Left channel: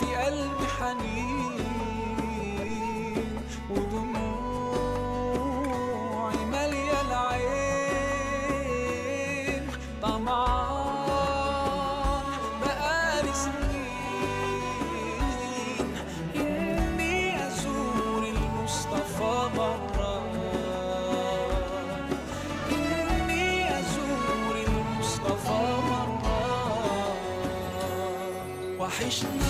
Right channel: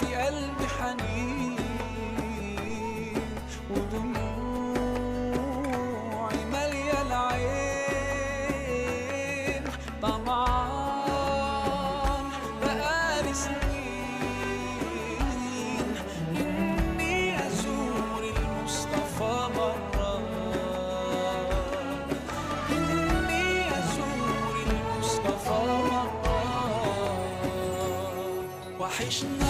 في قلبي حنين ودموعي مالية العين، طمعان بقالي سنين إني أزور المصطفى مرة، إني أزور المصطفى مرة. وحشنا